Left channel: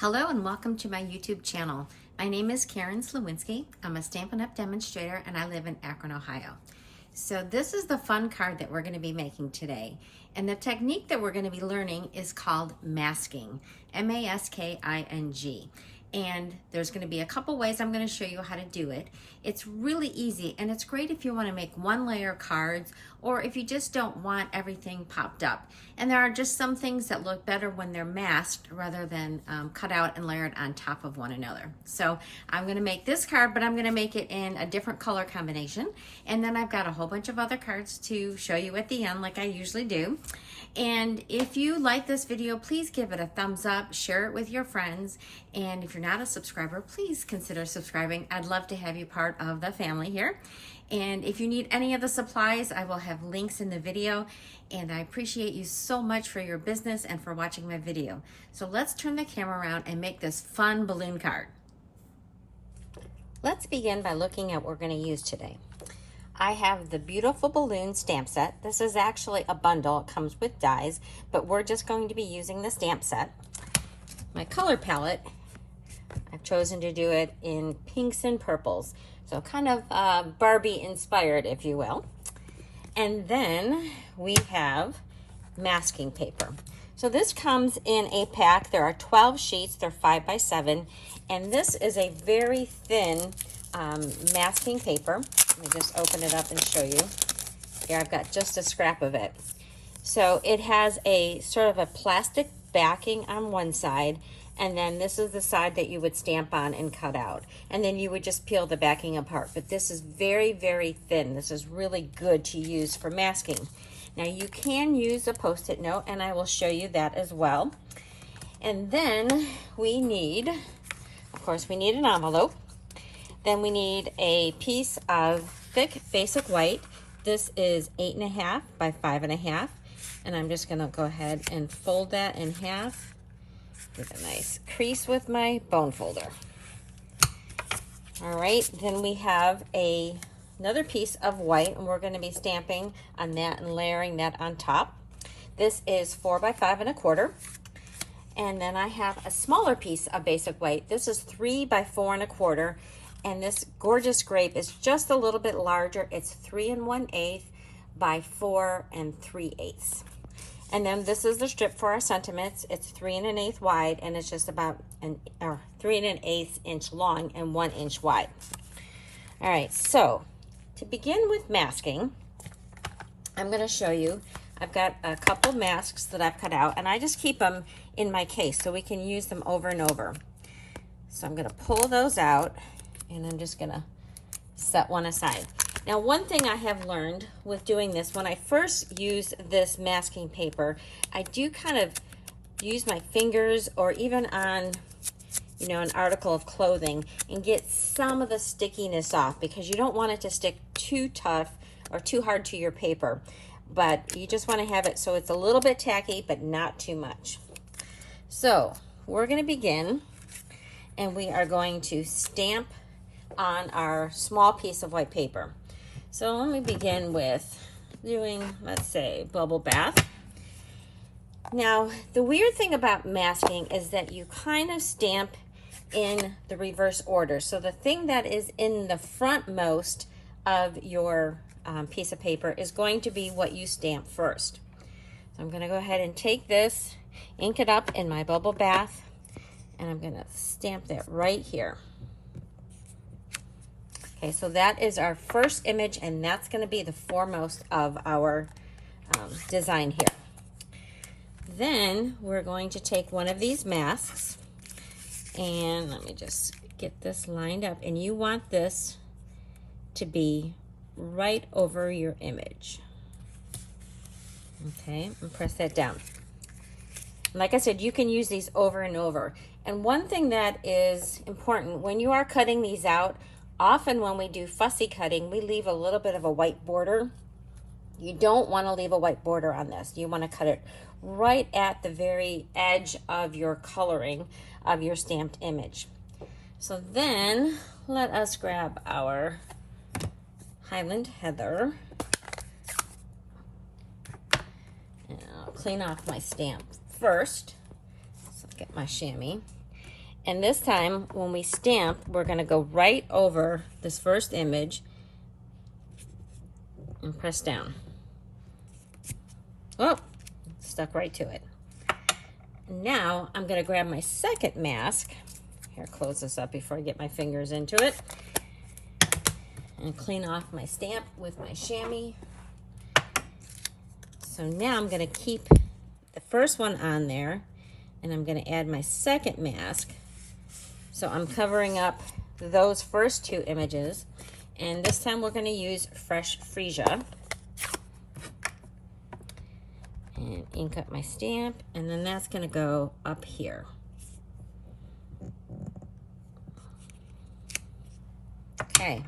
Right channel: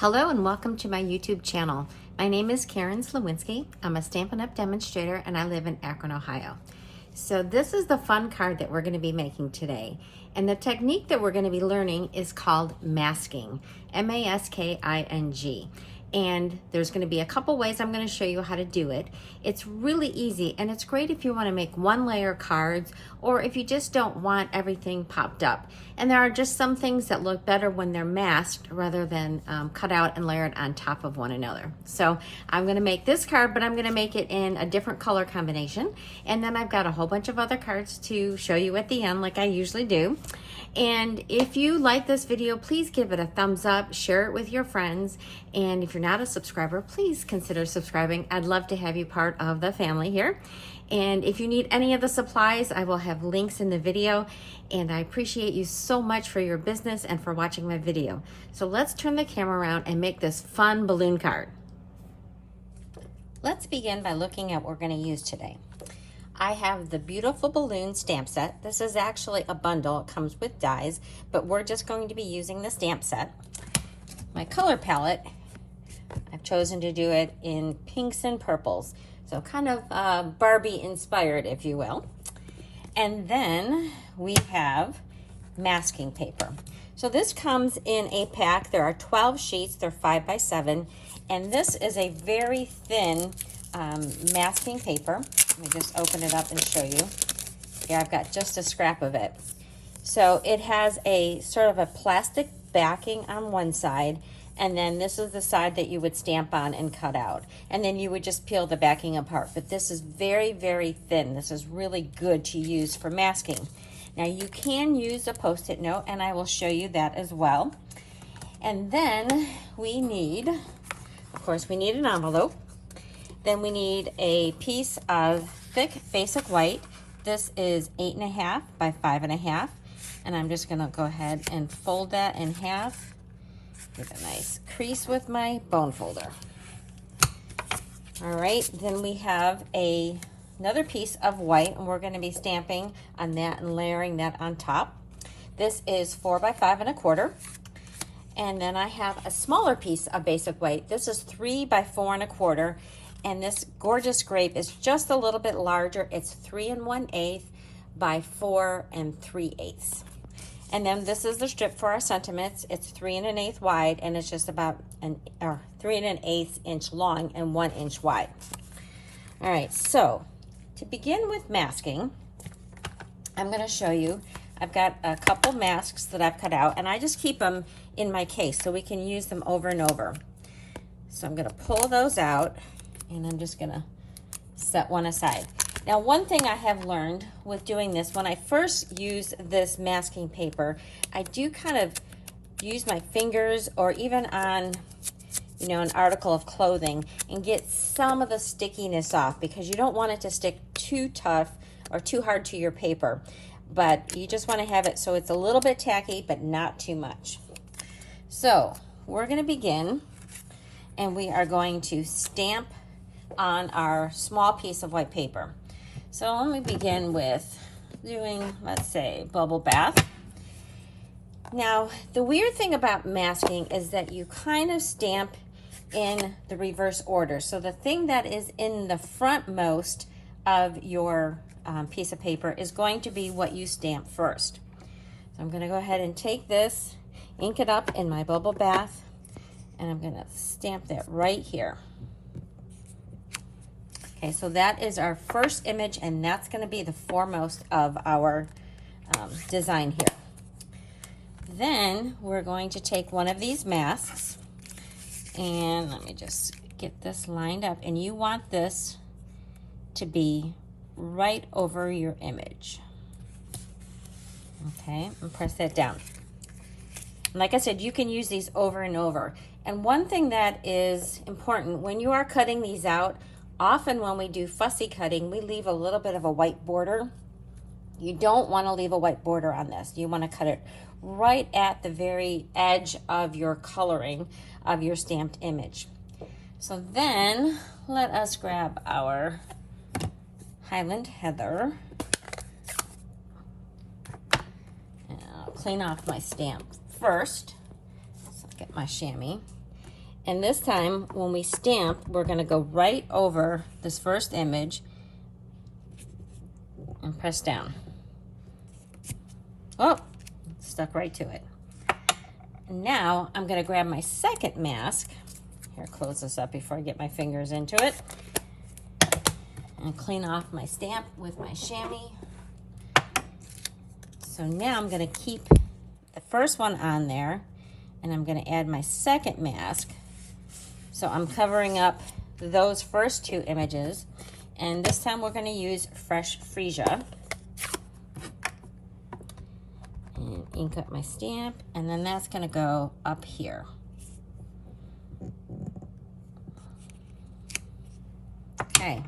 Hello and welcome to my YouTube channel. My name is Karen Sliwinski. I'm a Stampin' Up! Demonstrator and I live in Akron, Ohio. So this is the fun card that we're going to be making today. And the technique that we're going to be learning is called masking, M-A-S-K-I-N-G. And there's going to be a couple ways I'm going to show you how to do it. It's really easy and it's great if you want to make one layer cards or if you just don't want everything popped up. And there are just some things that look better when they're masked rather than cut out and layered on top of one another. So I'm going to make this card, but I'm going to make it in a different color combination. And then I've got a whole bunch of other cards to show you at the end like I usually do. And if you like this video, please give it a thumbs up, share it with your friends. And if you're not a subscriber, please consider subscribing. I'd love to have you part of the family here. And if you need any of the supplies, I will have links in the video. And I appreciate you so much for your business and for watching my video. So let's turn the camera around and make this fun balloon card. Let's begin by looking at what we're going to use today. I have the beautiful balloon stamp set. This is actually a bundle. It comes with dies, but we're just going to be using the stamp set. My color palette, I've chosen to do it in pinks and purples. So kind of Barbie inspired, if you will. And then we have masking paper. So this comes in a pack. There are 12 sheets. They're 5 by 7. And this is a very thin masking paper. Let me just open it up and show you. Here I've got just a scrap of it. So it has a sort of a plastic backing on one side, and then this is the side that you would stamp on and cut out. And then you would just peel the backing apart. But this is very, very thin. This is really good to use for masking. Now you can use a Post-it note, and I will show you that as well. And then we need, of course, we need an envelope. Then we need a piece of thick basic white. This is 8.5 by 5.5. And I'm just gonna go ahead and fold that in half with a nice crease with my bone folder. All right, then we have another piece of white, and we're gonna be stamping on that and layering that on top. This is 4 by 5.25. And then I have a smaller piece of basic white. This is 3 by 4.25. And this gorgeous grape is just a little bit larger. It's 3 1/8 by 4 3/8. And then this is the strip for our sentiments. It's 3 1/8 wide, and it's just about 3 1/8 inch long and 1 inch wide. All right, so to begin with masking, I'm going to show you. I've got a couple masks that I've cut out, and I just keep them in my case so we can use them over and over. So I'm going to pull those out, and I'm just going to set one aside. Now, one thing I have learned with doing this, when I first use this masking paper, I do kind of use my fingers or even on, you know, an article of clothing and get some of the stickiness off, because you don't want it to stick too tough or too hard to your paper. But you just want to have it so it's a little bit tacky, but not too much. So we're going to begin, and we are going to stamp on our small piece of white paper. So let me begin with doing, let's say, bubble bath. Now, the weird thing about masking is that you kind of stamp in the reverse order. So the thing that is in the frontmost of your piece of paper is going to be what you stamp first. So I'm going to go ahead and take this, ink it up in my bubble bath, and I'm going to stamp that right here. Okay, so that is our first image, and that's going to be the foremost of our design here. Then we're going to take one of these masks, and let me just get this lined up, and you want this to be right over your image. Okay, and press that down. And like I said, you can use these over and over. And one thing that is important, when you are cutting these out, often when we do fussy cutting, we leave a little bit of a white border. You don't want to leave a white border on this. You want to cut it right at the very edge of your coloring of your stamped image. So then let us grab our Highland Heather. And I'll clean off my stamp first. So I'll get my chamois. And this time, when we stamp, we're gonna go right over this first image and press down. Oh, stuck right to it. Now, I'm gonna grab my second mask. Here, close this up before I get my fingers into it. And clean off my stamp with my chamois. So now I'm gonna keep the first one on there, and I'm gonna add my second mask. So I'm covering up those first two images, and this time we're gonna use fresh freesia. And ink up my stamp, and then that's gonna go up here. Okay,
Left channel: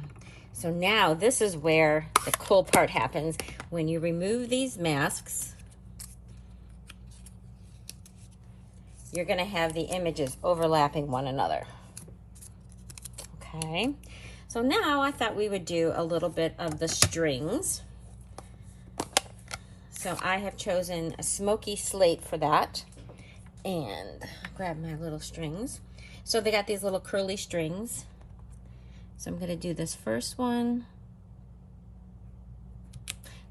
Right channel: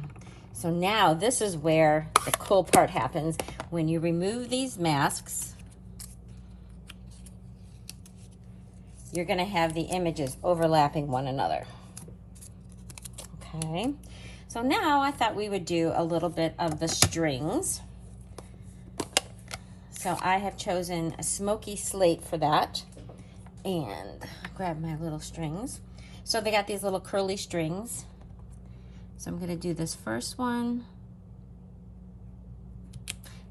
so now this is where the cool part happens. When you remove these masks, you're gonna have the images overlapping one another. Okay, so now I thought we would do a little bit of the strings. So I have chosen a smoky slate for that, and grab my little strings. So they got these little curly strings. So I'm gonna do this first one,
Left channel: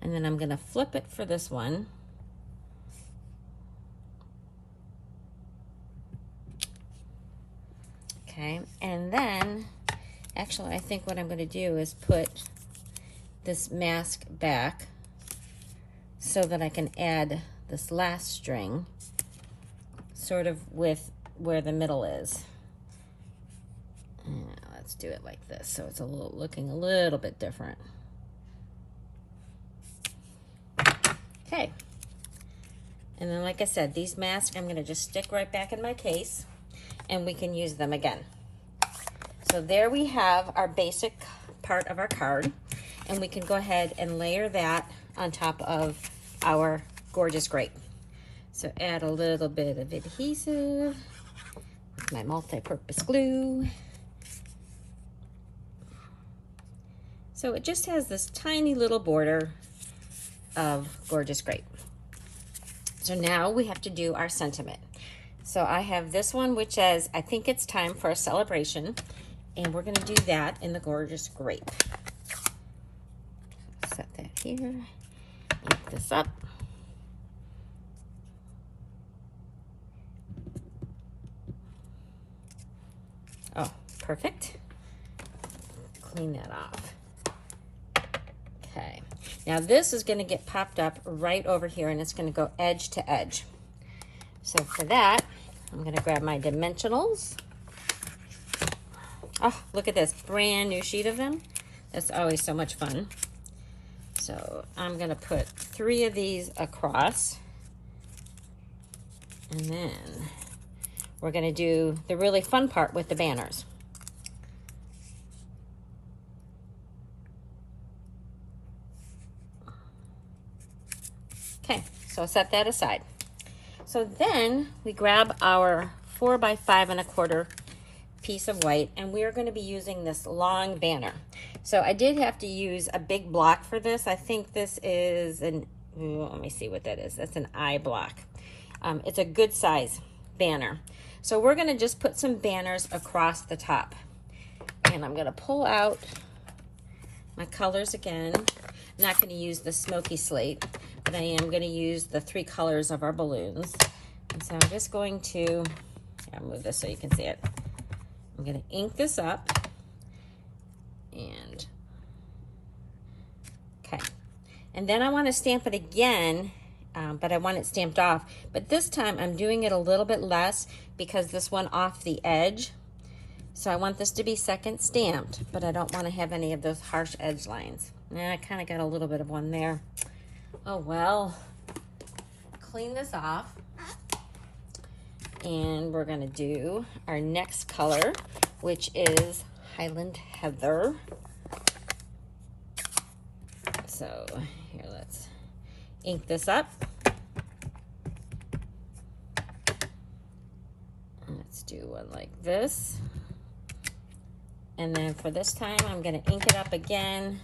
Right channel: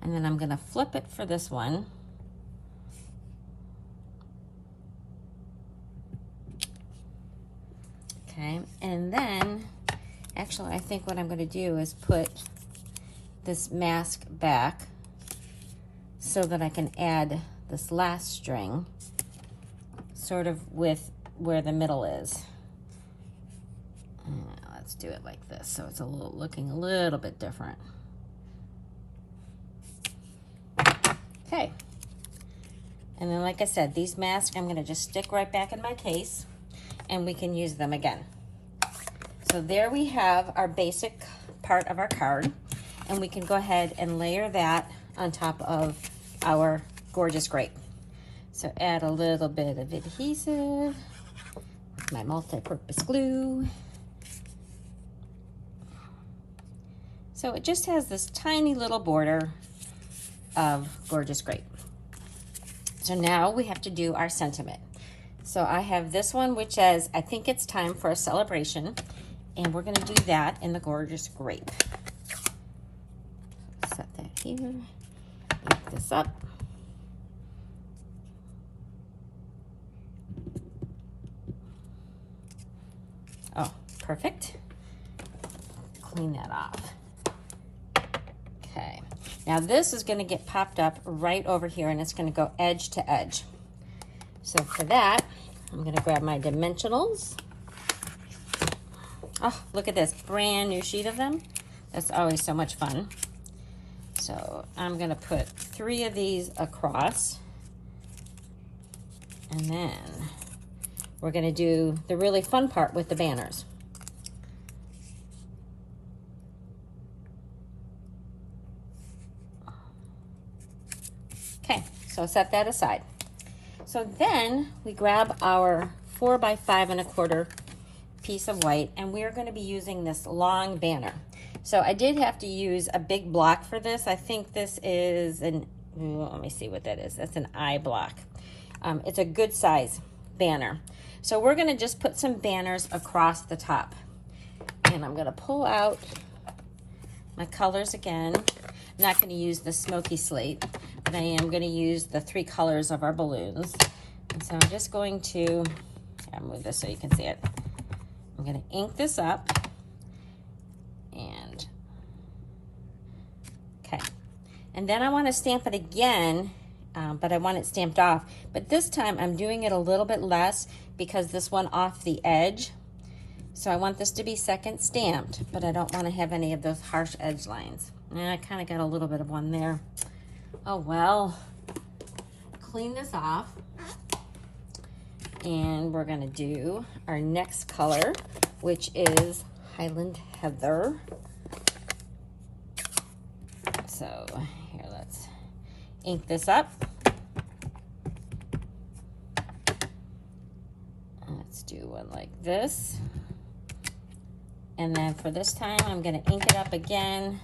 and then I'm gonna flip it for this one. Okay, and then, actually I think what I'm gonna do is put this mask back so that I can add this last string sort of with where the middle is. Let's do it like this so it's looking a little bit different. Okay, and then like I said, these masks I'm gonna just stick right back in my case and we can use them again. So there we have our basic part of our card, and we can go ahead and layer that on top of our gorgeous grape. So add a little bit of adhesive with my multi-purpose glue. So it just has this tiny little border of gorgeous grape. So now we have to do our sentiment. So I have this one which says, I think it's time for a celebration, and we're gonna do that in the gorgeous grape. Set that here, ink this up. Oh, perfect. Clean that off. Okay, now this is gonna get popped up right over here, and it's gonna go edge to edge. So for that, I'm gonna grab my dimensionals. Oh, look at this, brand new sheet of them. That's always so much fun. So I'm gonna put 3 of these across. And then we're gonna do the really fun part with the banners. Okay, so set that aside. So then we grab our 4 by 5 1/4 piece of white, and we are going to be using this long banner. So I did have to use a big block for this. I think this is an, let me see what that is. That's an I block. It's a good size banner. So we're going to just put some banners across the top. And I'm going to pull out my colors again. I'm not going to use the smoky slate, but I am going to use the 3 colors of our balloons. And so I'm just going to, I'll move this so you can see it. I'm going to ink this up, and okay, and then I want to stamp it again, but I want it stamped off, but this time I'm doing it a little bit less because this one off the edge, so I want this to be second stamped, but I don't want to have any of those harsh edge lines. And I kind of got a little bit of one there. Oh well, clean this off. And we're gonna do our next color, which is Highland Heather. So here, let's ink this up. Let's do one like this. And then for this time, I'm gonna ink it up again,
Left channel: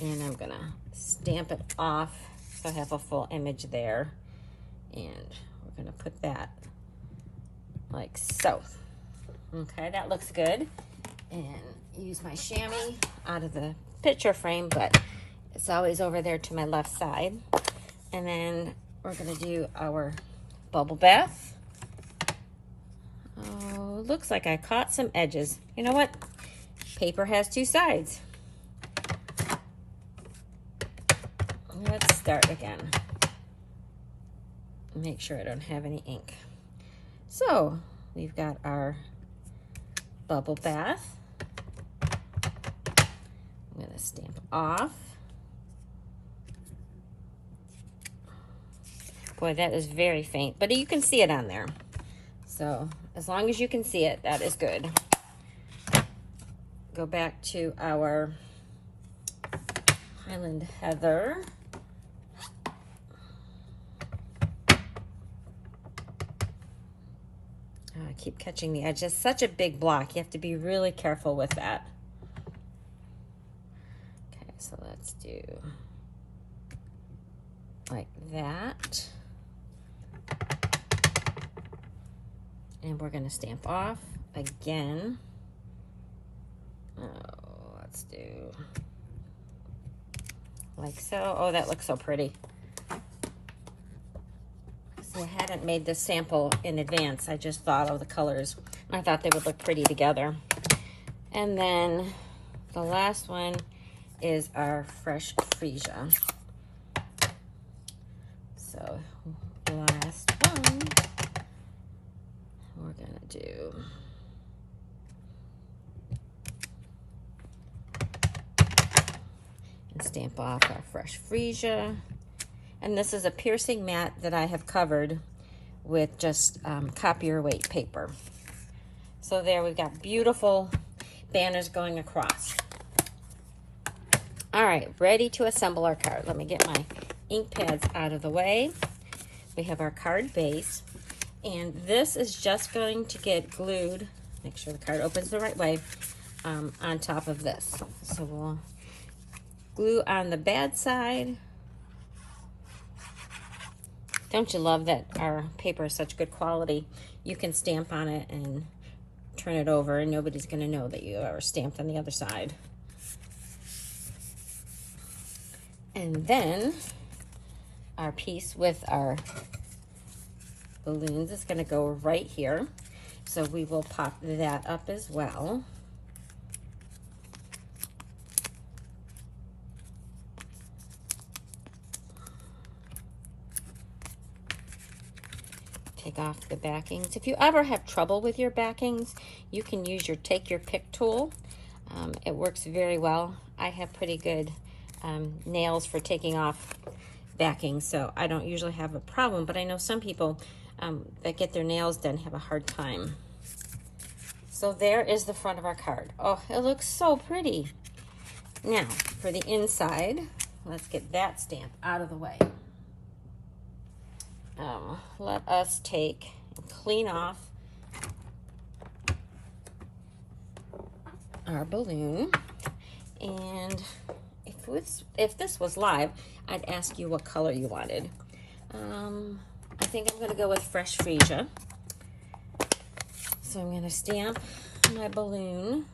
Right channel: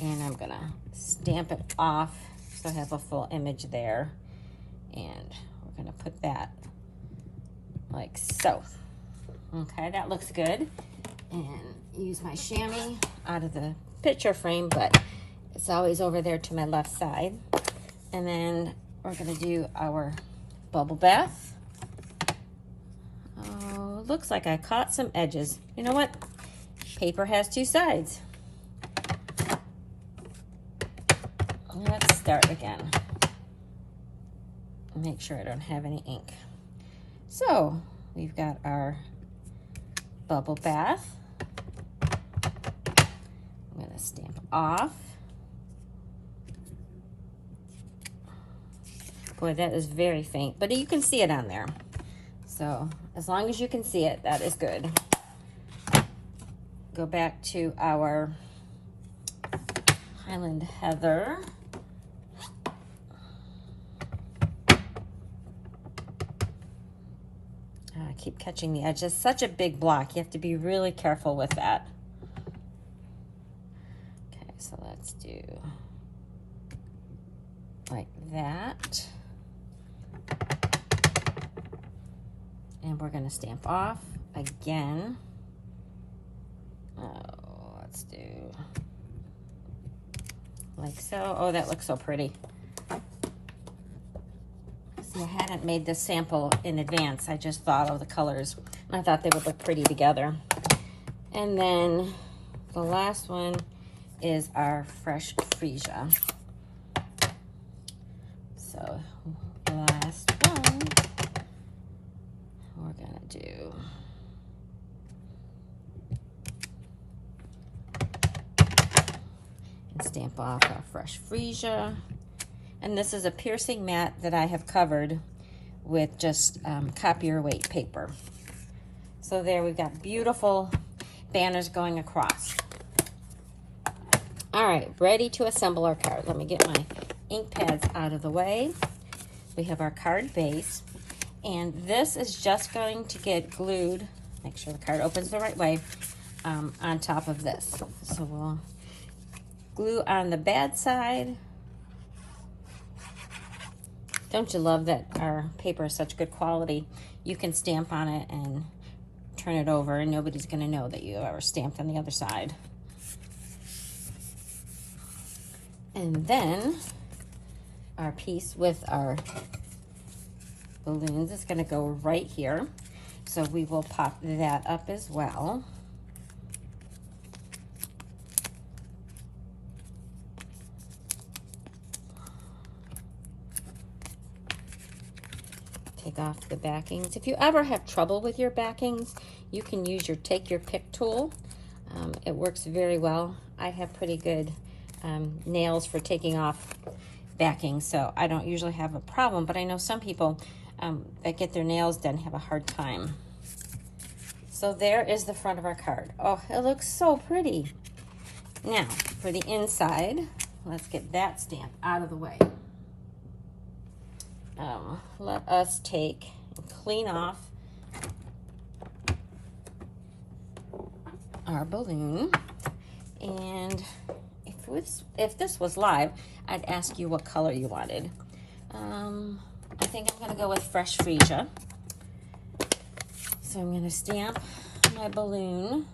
and I'm gonna stamp it off so I have a full image there. And we're gonna put that like so. Okay, that looks good. And use my chamois out of the picture frame, but it's always over there to my left side. And then we're gonna do our bubble bath. Oh, looks like I caught some edges. You know what? Paper has two sides. Let's start again. Make sure I don't have any ink. So we've got our bubble bath. I'm gonna stamp off. Boy, that is very faint, but you can see it on there. So as long as you can see it, that is good. Go back to our Highland Heather. I keep catching the edge. It's such a big block. You have to be really careful with that. Okay, so let's do like that. And we're going to stamp off again. Oh, let's do like so. Oh, that looks so pretty. See, I hadn't made this sample in advance. I just thought of the colors. I thought they would look pretty together. And then the last one is our fresh freesia. So last one, we're gonna do and stamp off our fresh freesia. And this is a piercing mat that I have covered with just copier weight paper. So there we've got beautiful banners going across. All right, ready to assemble our card. Let me get my ink pads out of the way. We have our card base, and this is just going to get glued, make sure the card opens the right way, on top of this. So we'll glue on the bad side. Don't you love that our paper is such good quality? You can stamp on it and turn it over and nobody's gonna know that you ever stamped on the other side. And then our piece with our balloons is gonna go right here. So we will pop that up as well. Take off the backings. If you ever have trouble with your backings, you can use your take your pick tool. It works very well. I have pretty good nails for taking off backings, so I don't usually have a problem, but I know some people that get their nails done have a hard time. So there is the front of our card. Oh, it looks so pretty. Now, for the inside, let's get that stamp out of the way. Let us take and clean off our balloon. And if this was live, I'd ask you what color you wanted. I think I'm gonna go with fresh freesia. So I'm gonna stamp my balloon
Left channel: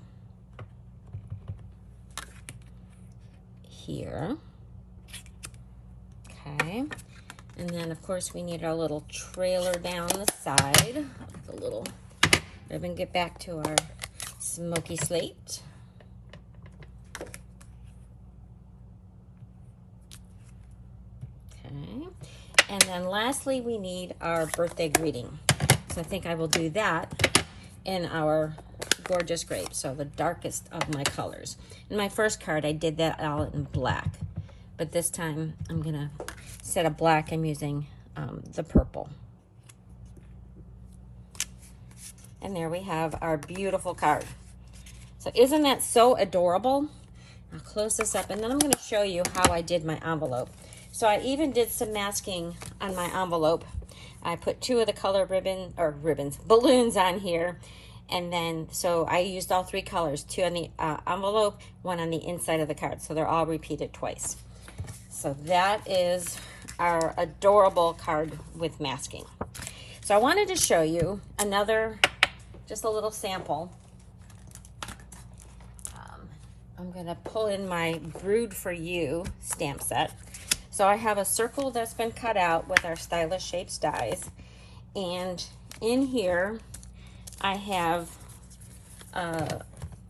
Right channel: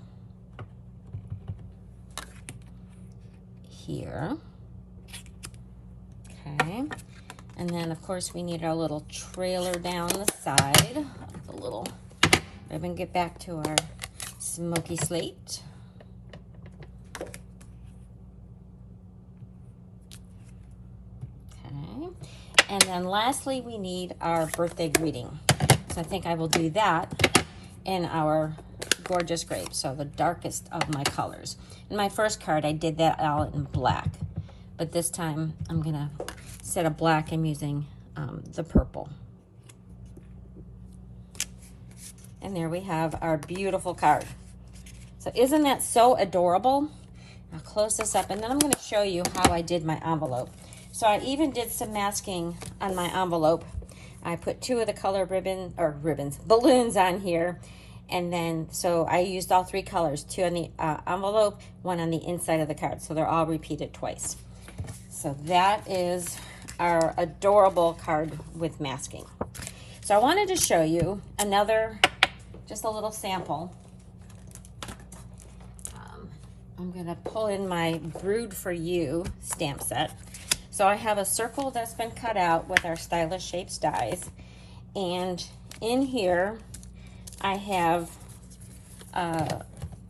here. Okay. And then, of course, we need our little trailer down the side. The little ribbon. Get back to our smoky slate. Okay. And then lastly, we need our birthday greeting. So I think I will do that in our gorgeous grape. So the darkest of my colors. In my first card, I did that all in black. But this time, I'm gonna, instead of black, I'm using the purple. And there we have our beautiful card. So isn't that so adorable? I'll close this up, and then I'm gonna show you how I did my envelope. So I even did some masking on my envelope. I put 2 of the color balloons on here. And then, so I used all 3 colors, 2 on the envelope, 1 on the inside of the card. So they're all repeated twice. So that is our adorable card with masking. So I wanted to show you another just a little sample. I'm gonna pull in my Brewed for You stamp set. So I have a circle that's been cut out with our Stylish Shapes dies. And in here, I have a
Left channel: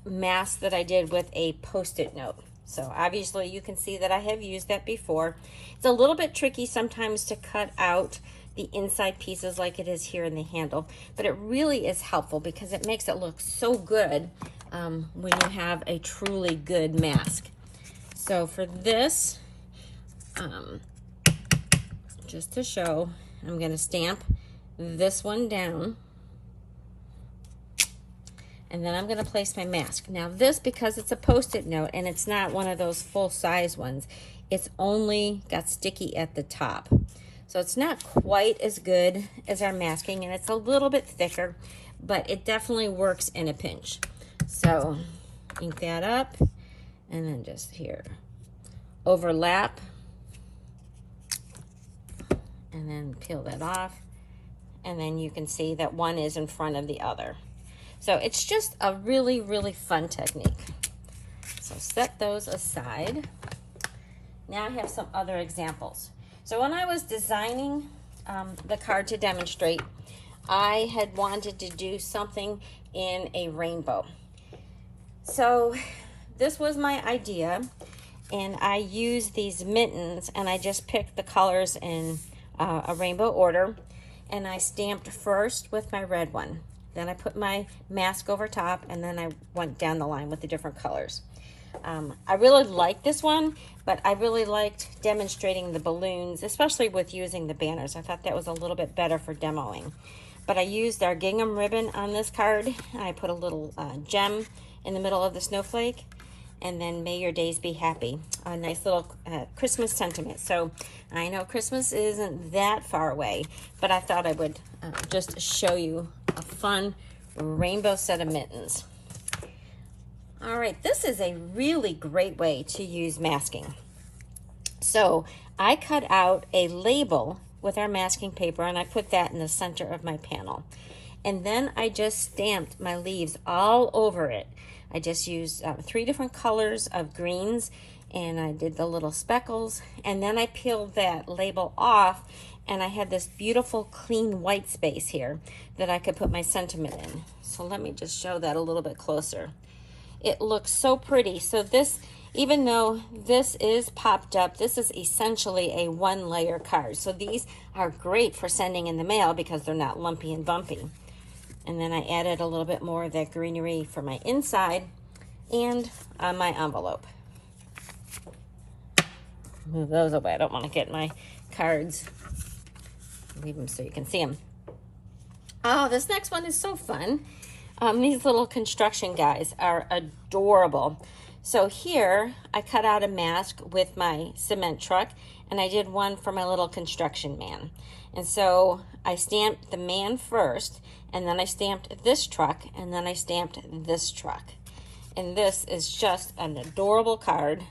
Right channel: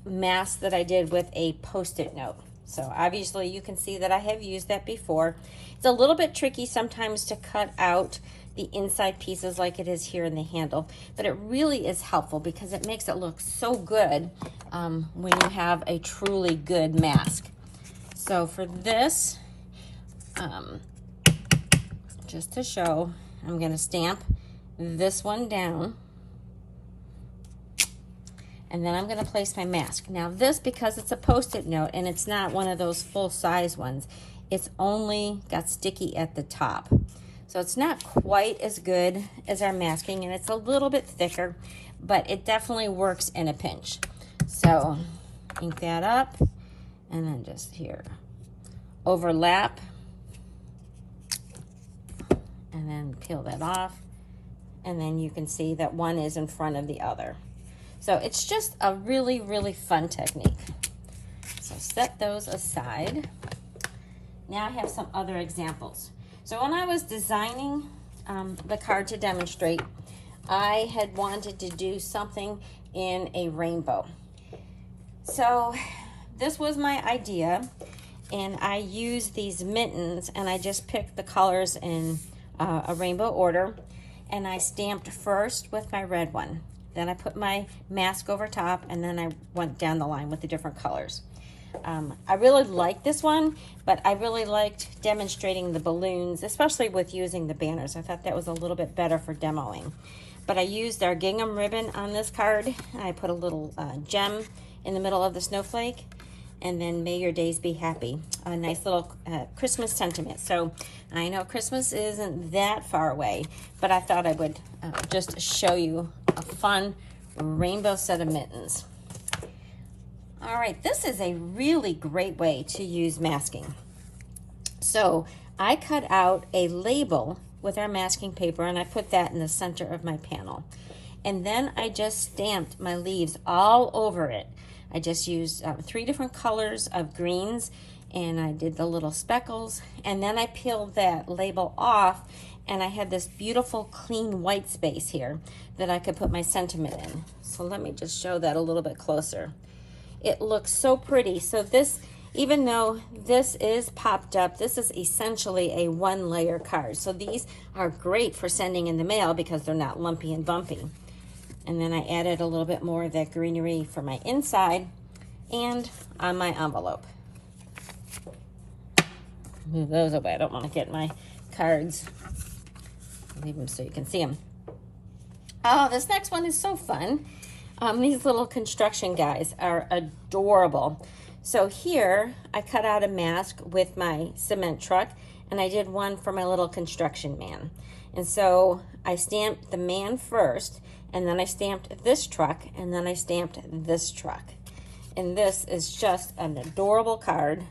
mask that I did with a Post-it note. So obviously you can see that I have used that before. It's a little bit tricky sometimes to cut out the inside pieces like it is here in the handle, but it really is helpful because it makes it look so good when you have a truly good mask. So for this, just to show, I'm going to stamp this one down, and then I'm going to place my mask. Now this, because it's a Post-it note and it's not one of those full-size ones, it's only got sticky at the top. So it's not quite as good as our masking, and it's a little bit thicker, but it definitely works in a pinch. So ink that up, and then just here, overlap, and then peel that off, and then you can see that one is in front of the other. So it's just a really, really fun technique. So set those aside. Now I have some other examples. So when I was designing the card to demonstrate, I had wanted to do something in a rainbow. So this was my idea, and I used these mittens, and I just picked the colors in a rainbow order, and I stamped first with my red one. Then I put my mask over top, and then I went down the line with the different colors. I really liked this one, but I really liked demonstrating the balloons, especially with using the banners. I thought that was a little bit better for demoing. But I used our gingham ribbon on this card. I put a little gem in the middle of the snowflake, and then May Your Days Be Happy, a nice little Christmas sentiment. So I know Christmas isn't that far away, but I thought I would just show you a fun rainbow set of mittens. All right, this is a really great way to use masking. So I cut out a label with our masking paper, and I put that in the center of my panel. And then I just stamped my leaves all over it. I just used 3 different colors of greens, and I did the little speckles, and then I peeled that label off, and I had this beautiful clean white space here that I could put my sentiment in. So let me just show that a little bit closer. It looks so pretty. So this, even though this is popped up, this is essentially a 1-layer card. So these are great for sending in the mail because they're not lumpy and bumpy. And then I added a little bit more of that greenery for my inside and on my envelope. Move those away. I don't want to get my cards. Leave them so you can see them. Oh, this next one is so fun. These little construction guys are adorable. So here I cut out a mask with my cement truck, and I did one for my little construction man. And so I stamped the man first, and then I stamped this truck, and then I stamped this truck. And this is just an adorable card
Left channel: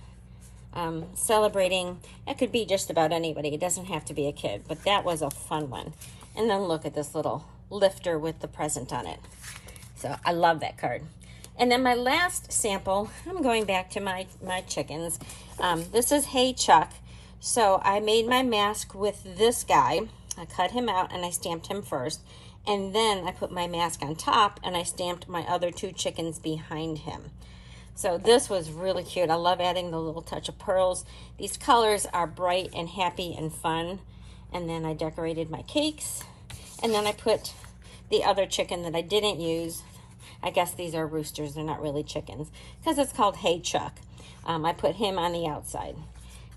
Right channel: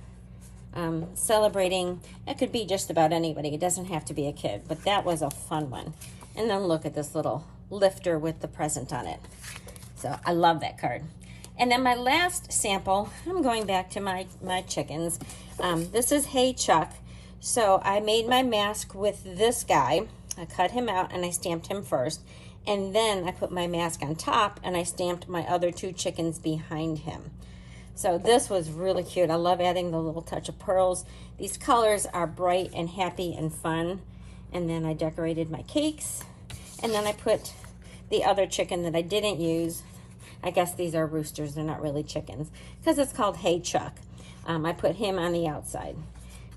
celebrating. It could be just about anybody. It doesn't have to be a kid, but that was a fun one. And then look at this little lifter with the present on it. So I love that card. And then my last sample, I'm going back to my chickens. This is Hey Chuck. So I made my mask with this guy. I cut him out and I stamped him first. And then I put my mask on top and I stamped my other 2 chickens behind him. So this was really cute. I love adding the little touch of pearls. These colors are bright and happy and fun. And then I decorated my cakes. And then I put the other chicken that I didn't use. I guess these are roosters, they're not really chickens, because it's called Hey Chuck. I put him on the outside.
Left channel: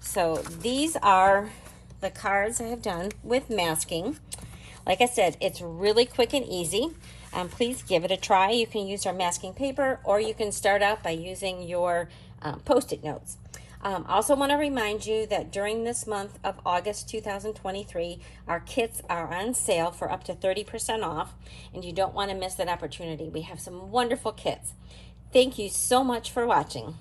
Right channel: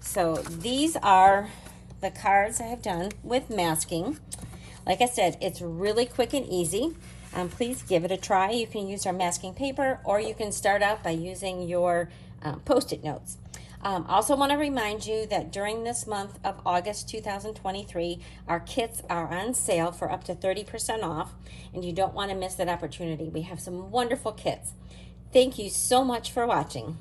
So these are the cards I have done with masking. Like I said, it's really quick and easy. Please give it a try. You can use our masking paper, or you can start out by using your Post-it notes. Also want to remind you that during this month of August 2023, our kits are on sale for up to 30% off, and you don't want to miss that opportunity. We have some wonderful kits. Thank you so much for watching.